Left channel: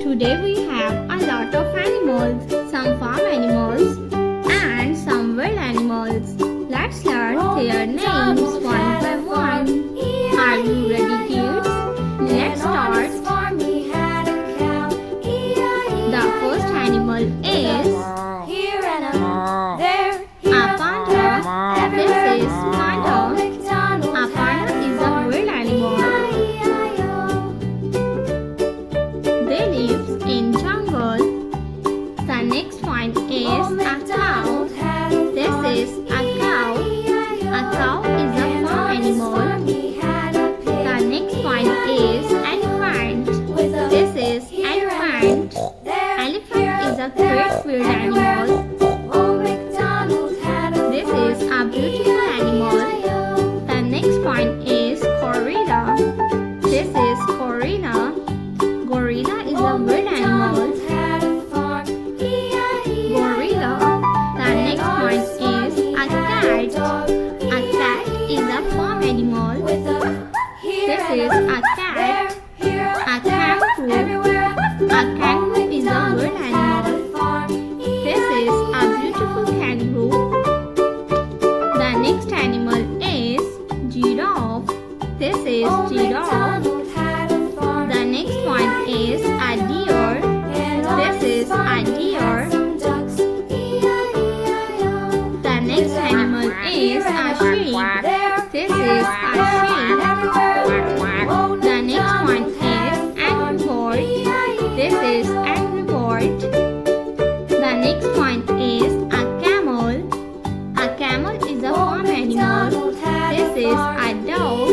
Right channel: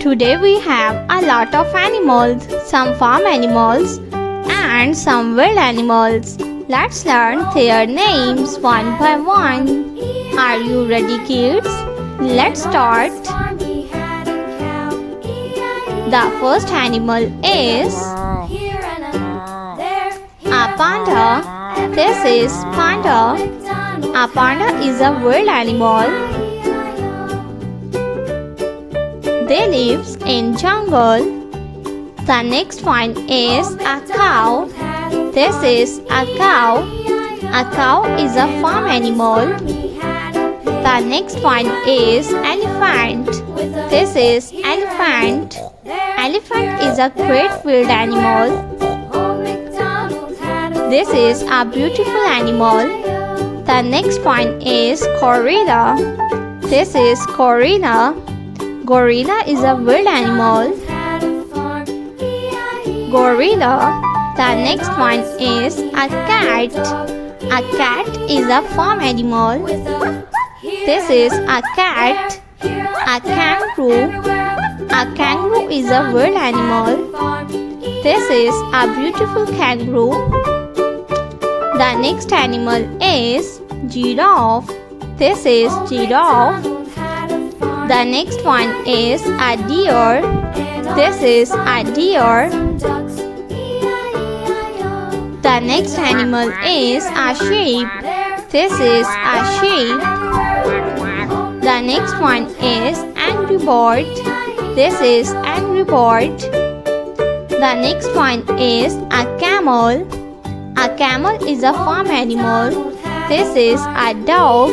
Today we have a lot of animals, some farm animals and some wild animals. Let's learn their names one by one. Are you ready, kids? Let's start. The first animal is a panda. This is panda. A panda is a wild animal. They live in jungle. The next one is a cow. This is a cow. A cow is a farm animal. The next one is elephant. This is elephant. Elephant is a great field animal. This is a beautiful animal. The next one is gorilla. This is gorilla. Gorilla is a wild animal. Gorilla. The next one is a cat. A cat is a farm animal. This is a cat. A kangaroo. A kangaroo is a wild animal. This is a beautiful kangaroo. The next animal is giraffe. This is giraffe. The next one is a deer. This is a deer. The next animal is a sheep. This is a sheep. The next one is angry bird. This is angry bird. The next one is a camel. A camel is a farm animal. This is a dog.